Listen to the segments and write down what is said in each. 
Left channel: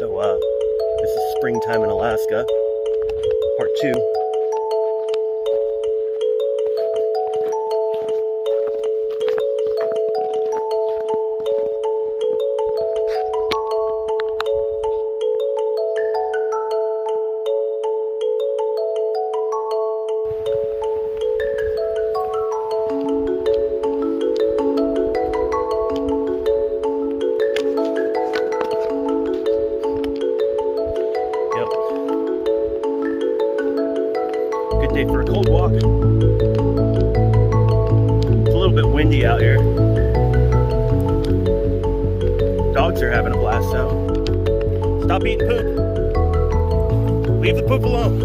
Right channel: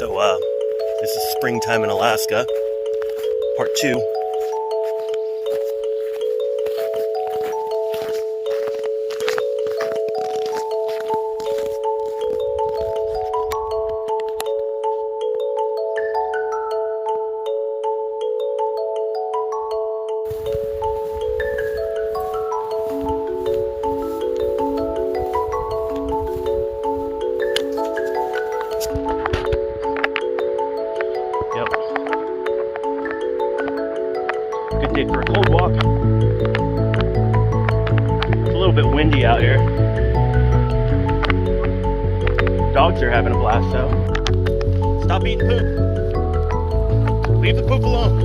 This is springtime in Alaska, part 2. Good day for a cold walk. It's a little bit windy out here. Dogs are having a blast though. Stop eating poop. Leave the poop alone.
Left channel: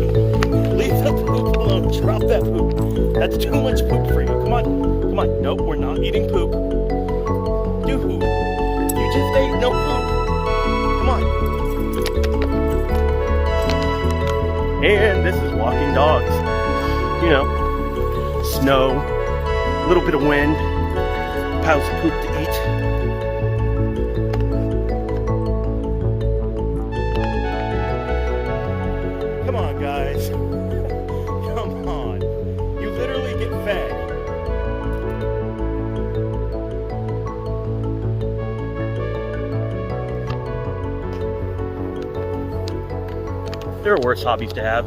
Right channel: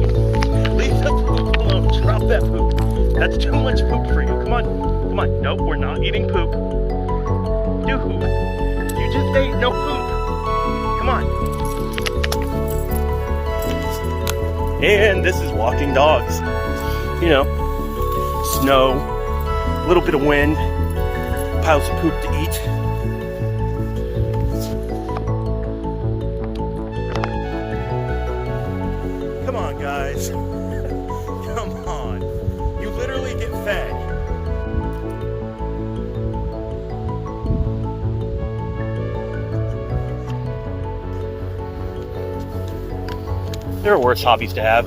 Leave the poop alone. Drop that poop. That's too much poop for you. Come on. Come on. Nope, we're not eating poop. Dude, you just ate no poop. Come on. And this is walking dogs. You know, snow, a little bit of wind, piles of poop to eat. Come on, guys. Come on. You literally get fed. There are worse hobbies to have.